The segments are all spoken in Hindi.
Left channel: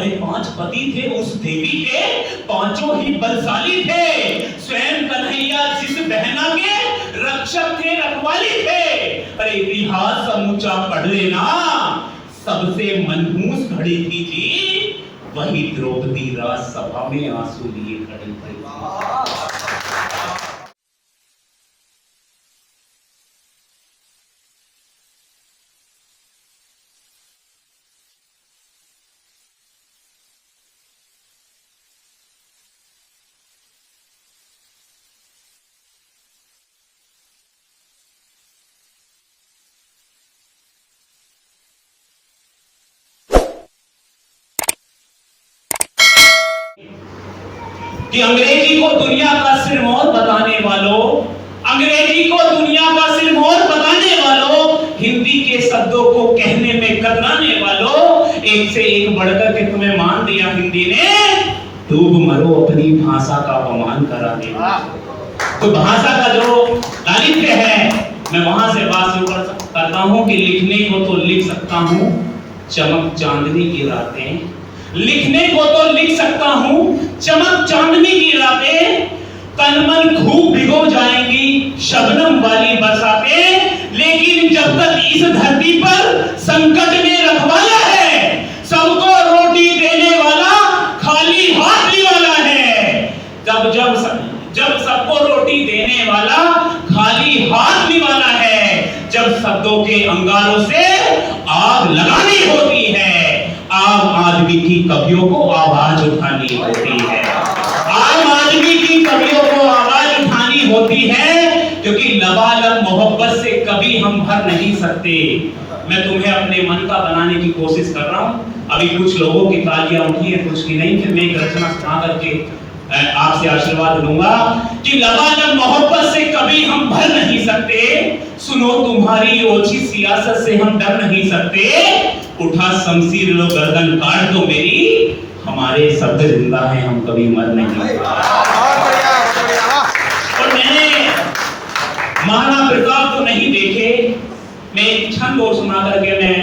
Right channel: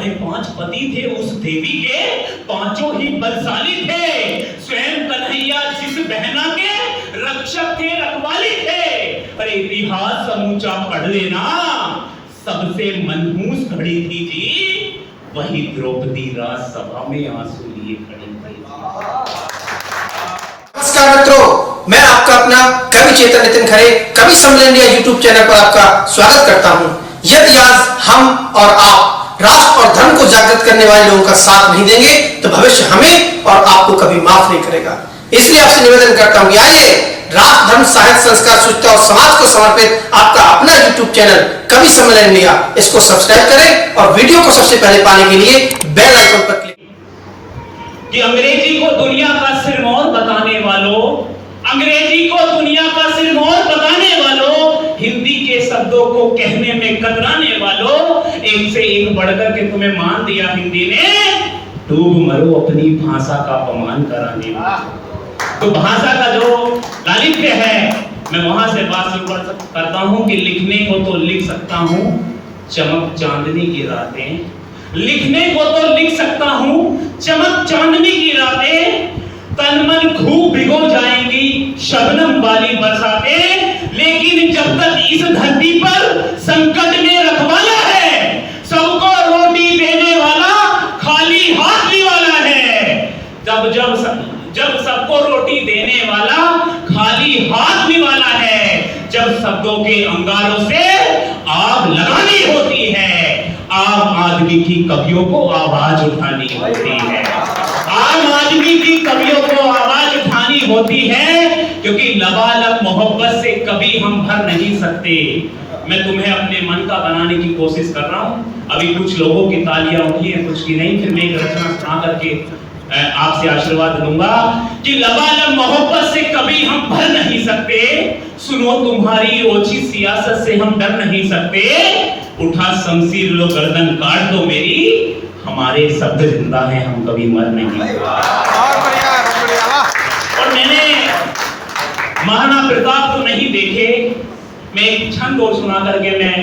अरे 5 पति थे उस देवी के, पांचों ही बलशाली थे। स्वयं कन्हैया जिस बहना के रक्षक थे, रखवाली थे। अरे इतिहास समूचा पढ़ लेना, सबसे मनहूस खड़ी थी जी, वही द्रौपदी राजसभा में आंसू लिए खड़ी थी। नमस्कार मित्रों, मैं आपका अपना कवि चेतन नितिन खरे कवि सम्मेलन इंडिया यूट्यूब चैनल पर आपका स्वागत करता हूं। यदि आज हम और आप राष्ट्र और धर्म को जागृत करने वाले लोगों का साथ नहीं देंगे तो भविष्य हमें और आपको कभी माफ नहीं करेगा। इसलिए आपसे निवेदन करता हूं कि आइए राष्ट्र, धर्म, साहित्य, संस्कार, शुचिता और समाज को समर्पित आपका अपना यूट्यूब चैनल कवि सम्मेलन इंडिया, इसको सब्सक्राइब करें और वीडियो को सबसे पहले पाने के लिए बेल आइकन पर क्लिक। कि अंग्रेजी को दुनिया का सिरमौर बताने वालों, अंग्रेजी को दुनिया का सिरमौर बताने वालों, हिंदी के शब्दों को कहने में कतराने वालों, एक से एक बढ़कर के तुम्हें मान दिया हिंदी ने, डूब मरो अपनी भाषा का अपमान कराने वालों। तो भाषा का जो लालित्य है, मैं वहां से बात शुरू करता हूं कि लिखने को तो लिख सकता हूं चमक चांदनी की रातें, लिखने को तो लिख सकता हूं चमक चांदनी की रातें, तन मन खूब भिगो जाएंगी शबनम वाली बरसातें, लेकिन जब तक इस धरती पर संकट में रखवाला है, सबको रोटी देने वाला खाली हाथ निवाला है। जब सबको रोटी देने वाला खाली हाथ निवाला है, जब शब्दों के अंगारों से आग लगानी होती है, आम आदमी की कवियों को आवाज उठानी होती है, आम आदमी की कवियों को आवाज उठानी होती है, क्योंकि लबालब मोहब्बत से कभी हम भर नहीं सकते। मैं तुम्हें अपने मन का बनाने की कोशिश कर रहा हूं। अभी कुछ लोगों की तालियां उठी है, कुछ की नहीं। फिर मैं एक रचना सुना करके आपसे आशीर्वाद लूंगा कि लबालब मोहब्बत से कभी हम भर नहीं सकते, सुनो तुम्हारी ओछी सियासत से हम डर नहीं सकते, उठा शमशीर लो गर्दन काट दो मेरी, हमारे शब्द जिंदा हैं हम कभी मर नहीं सकते। और मैंने महाराणा प्रताप तो नहीं देखे, मैं एक छंद और सुना करके मैं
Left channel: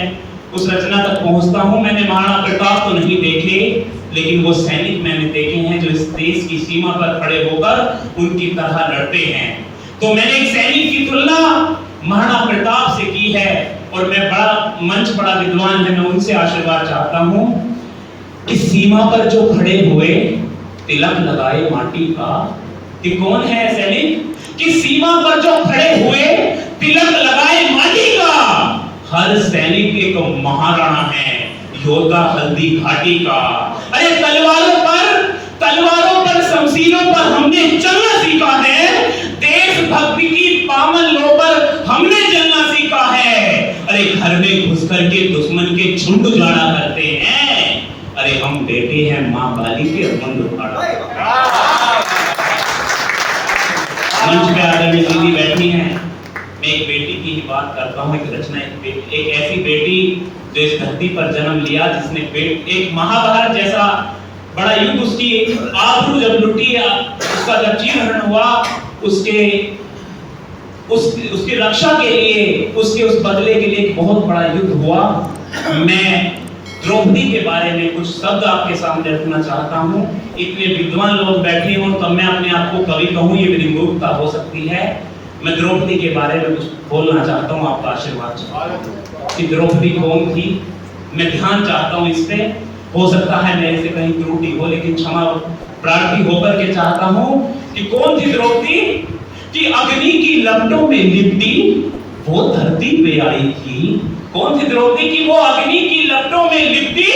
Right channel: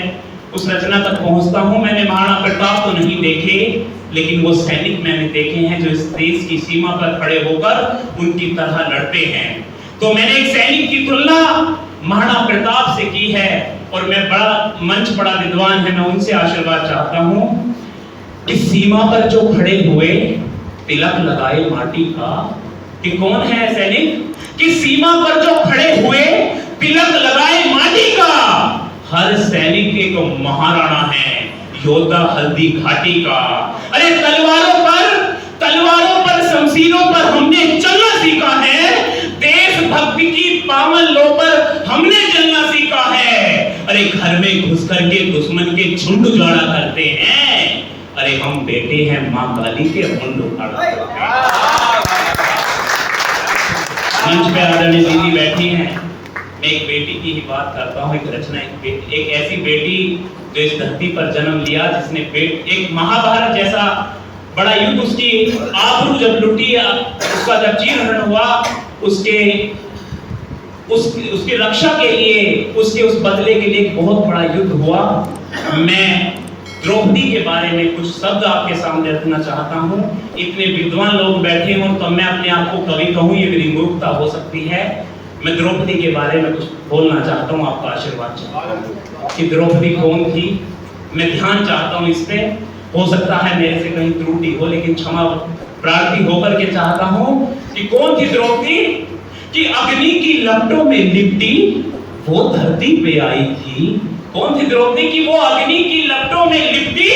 उस रचना तक पहुंचता हूं। मैंने महाराणा प्रताप तो नहीं देखे, लेकिन वो सैनिक मैंने देखे हैं जो इस देश की सीमा पर खड़े होकर उनकी तरह लड़ते हैं। तो मैंने एक सैनिक की तुलना महाराणा प्रताप से की है, और मैं बड़ा विद्वान है, मैं उनसे आशीर्वाद चाहता हूं। इस सीमा पर जो खड़े हुए तिलक लगाए माटी का, कि कौन है सैनिक कि सीमा पर जो खड़े हुए तिलक लगाए माटी का, हर सैनिक एक महाराणा है, योद्धा हल्दी घाटी का। अरे तलवारों पर शमशीरों पर हमने चलना सीखा है, देशभक्ति की पावन लो पर हमने चलना सीखा है। अरे घर में घुस करके दुश्मन के झुंड उजाड़ा करते हैं, अरे हम बेटे हैं मां काली के मुंड उखाड़ा। मंच पे आदरणीय दीदी बैठी हैं, मैं एक बेटी की ही बात करता हूँ। एक रचना, एक ऐसी बेटी जो इस धरती पर जन्म लिया, जिसने एक महाभारत जैसा बड़ा युद्ध, उसकी आबरू जब लुटी, उसका जब चीरहरण हुआ, उसकी रक्षा के लिए, उसके उस बदले के लिए बहुत बड़ा युद्ध हुआ। मैं द्रौपदी के बारे में कुछ शब्द आपके सामने रखना चाहता हूँ। इतने विद्वान लोग बैठे हों तो मैं अपने आप को कवि कहूँ, ये मेरी मूर्खता हो सकती है। मैं द्रौपदी के बारे में कुछ बोलना चाहता हूँ, आपका आशीर्वाद चाहता हूँ कि द्रौपदी कौन थी। मैं ध्यान चाहता हूँ इस पे, हो सकता है मेरे से कहीं त्रुटि हो, लेकिन क्षमा प्रार्थी होकर के चाहता हूँ कि कौन थी द्रौपदी। कि अग्नि की लपटों में लिपटी वो धरती पे आई थी। कौन थी द्रौपदी की वो अग्नि की लपटों में लिपटी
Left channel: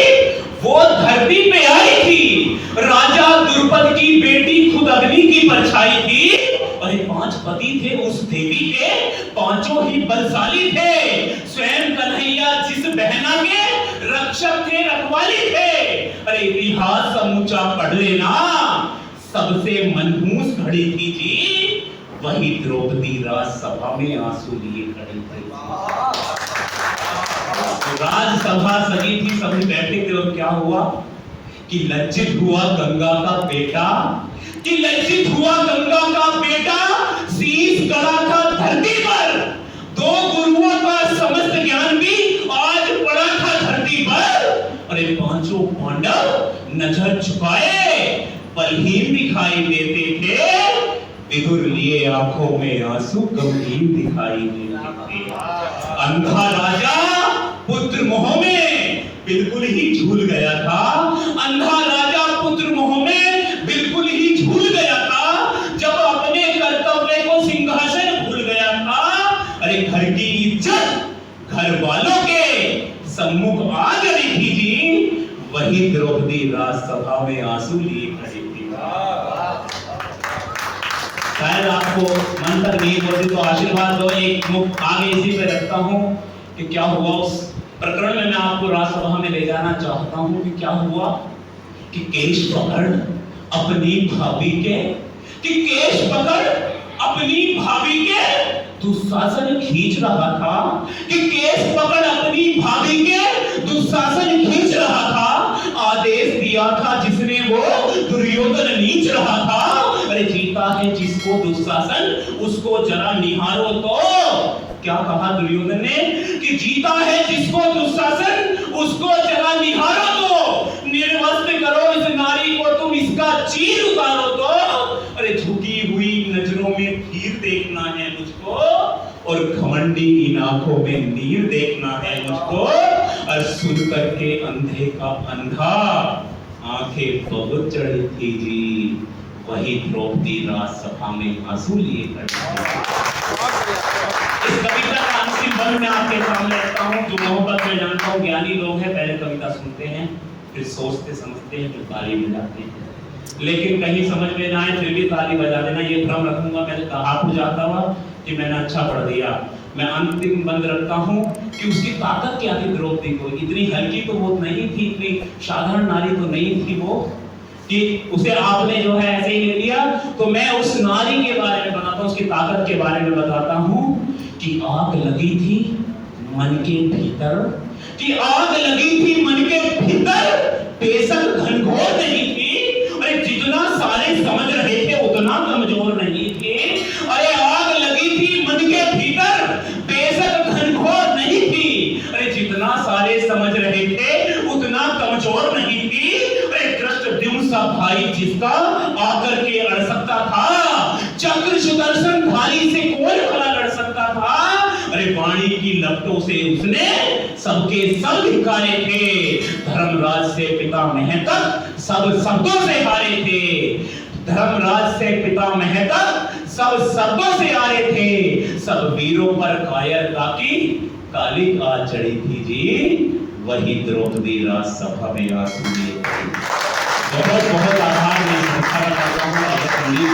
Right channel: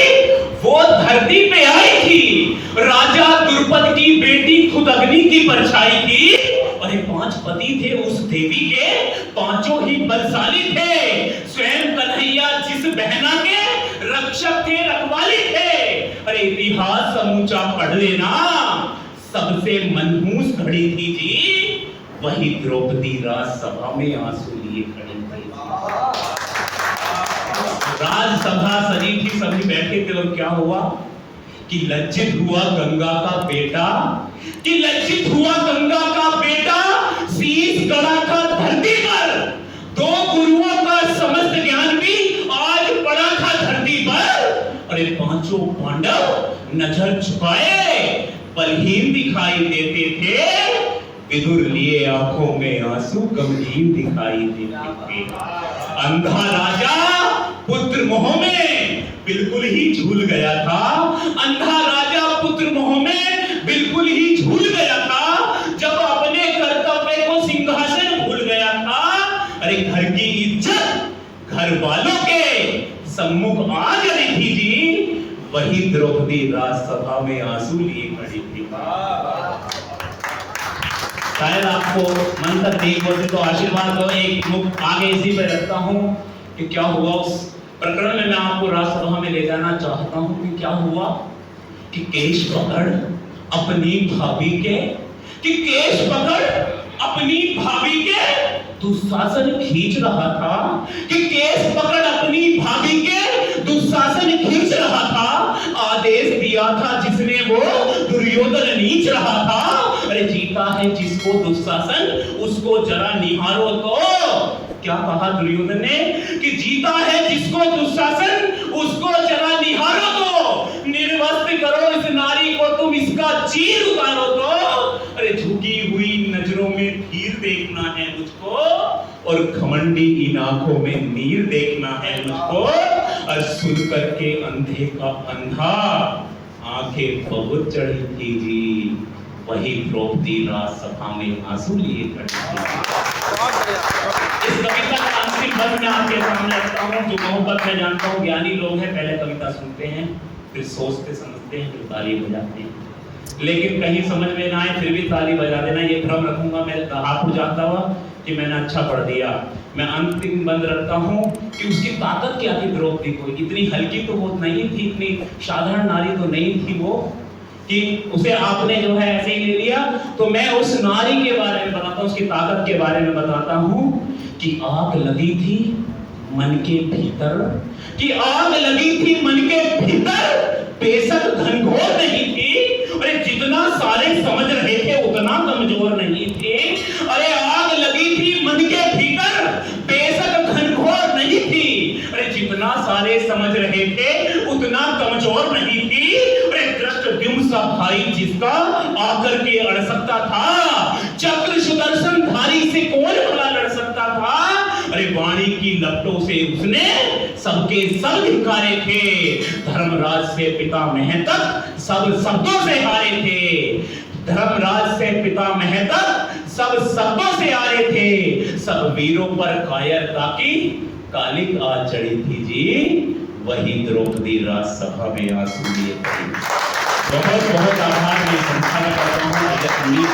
वो धरती पे आई थी। राजा द्रुपद की बेटी खुद अग्नि की परछाई थी। अरे 5 पति थे उस देवी के, पांचों ही बलशाली थे। स्वयं कन्हैया जिस बहना के रक्षक थे, रखवाली थे। अरे इतिहास समूचा पढ़ लेना, सबसे मनहूस खड़ी थी जी, वही द्रौपदी राजसभा में आंसू लिए खड़ी थी। राजसभा सजी थी, सभी बैठे थे, और क्या हुआ कि लज्जित हुआ गंगा का बेटा, कि लज्जित हुआ गंगा का बेटा, शीश गड़ा था धरती पर। 2 गुरुओं का समस्त ज्ञान भी आज पड़ा था धरती पर। अरे पांचों पांडव नजर झुकाए, बलहीन दिखाई देते थे, विदुर लिए आंखों में आंसू गंभीर दिखाई देते थे। अंधा राजा पुत्र मोह में बिल्कुल ही झूल गया था, अंधा राजा पुत्र मोह में बिल्कुल ही झूल गया था, जब अपने कर्तव्य को सिंहासन भूल गया था। अरे घर की इज्जत घर वालों के सम्मुख आ गई थी जी, वही द्रौपदी राजसभा में आंसू लिए खड़ी थी। शायद आपको मन तक नहीं बोलती तो आशीर्वाद दो, एक मुख आगे इसी पे रखता हूँ कि क्या हुआ उस प्रकरण में। मैं आपको राजसभा में ले जाना चाहता हूँ कि क्या हुआ कि केश पकड़ अपनी भाभी के, कि केश पकड़ अपनी भाभी के दुशासन खींच रहा था, कि केश पकड़ अपनी भाभी के दुशासन खींच रहा था। आदेश दिया था जिसने वो दुर्योधन नीच रहा था। अरे जीता है जिसको दुशासन उसको जरा निहारो तो। क्या कहा दुर्योधन ने कि जीता है जिसको दुशासन उसको जरा निहारो तो, निर्वस्त्र करो इस नारी को तुम, इसका चीर उतारो तो। अरे झुकी हुई नजरों में तीर देखना है मुझको, और घमंडी इन आंखों में नीर देखना है मुझको। और सुन करके अंधे का अंधा आंखें बहुत चढ़ी थी जी, वही द्रौपदी राजसभा में आंसू लिए खड़ी थी। इस कविता का अंतिम बंद मैं आपके सामने रखता हूँ। जो मोहब्बत में जानता हूँ ज्ञानी लोग हैं, पहले कविता सुनते हैं, फिर सोचते समझते हैं, फिर ताली बजाते हैं। लेकिन कहीं समझ में ना आए फिर भी ताली बजा देना, ये भ्रम रखूंगा मैं आप जाता हुआ कि मैंने अच्छा पढ़ दिया। मैं अंतिम बंद रखता हूँ कि उसकी ताकत क्या थी द्रौपदी को। इतनी हल्की तो वो नहीं थी, इतनी साधारण नारी तो नहीं थी वो कि उसे आपने जो है ऐसे ही ले लिया। तो मैं उस नारी के बारे में बताता हूँ, उसकी ताकत के बारे में बताता हूँ कि आग लगी थी मन के भीतर, कि आग लगी थी मन के भीतर, बेशक घनघोर नहीं थी। अरे जितना सारे समझ रहे थे उतना कमजोर नहीं थे। अरे आग लगी थी मन के भीतर, बेशक घनघोर नहीं थी। अरे जितना सारे समझ रहे थे उतना कमजोर नहीं थी। अरे धृष्टद्युम्न सा भाई जिसका आकर के अड़ सकता था, चक्र सुदर्शन धारी से कौन भला लड़ सकता था। अरे वाणी की लपटों से उसने सबके सब धिक्कारे थे, धर्मराज से पिता महतक सब शब्दों से हारे थे, धर्मराज से पिता महतक सब शब्दों से हारे थे। सब वीरों पर कायरता की कालिक आ चढ़ी थी जी, वही द्रौपदी राजसभा में आंसू लिए खड़ी। बहुत बहुत आभार। मैं संस्था करता हूँ।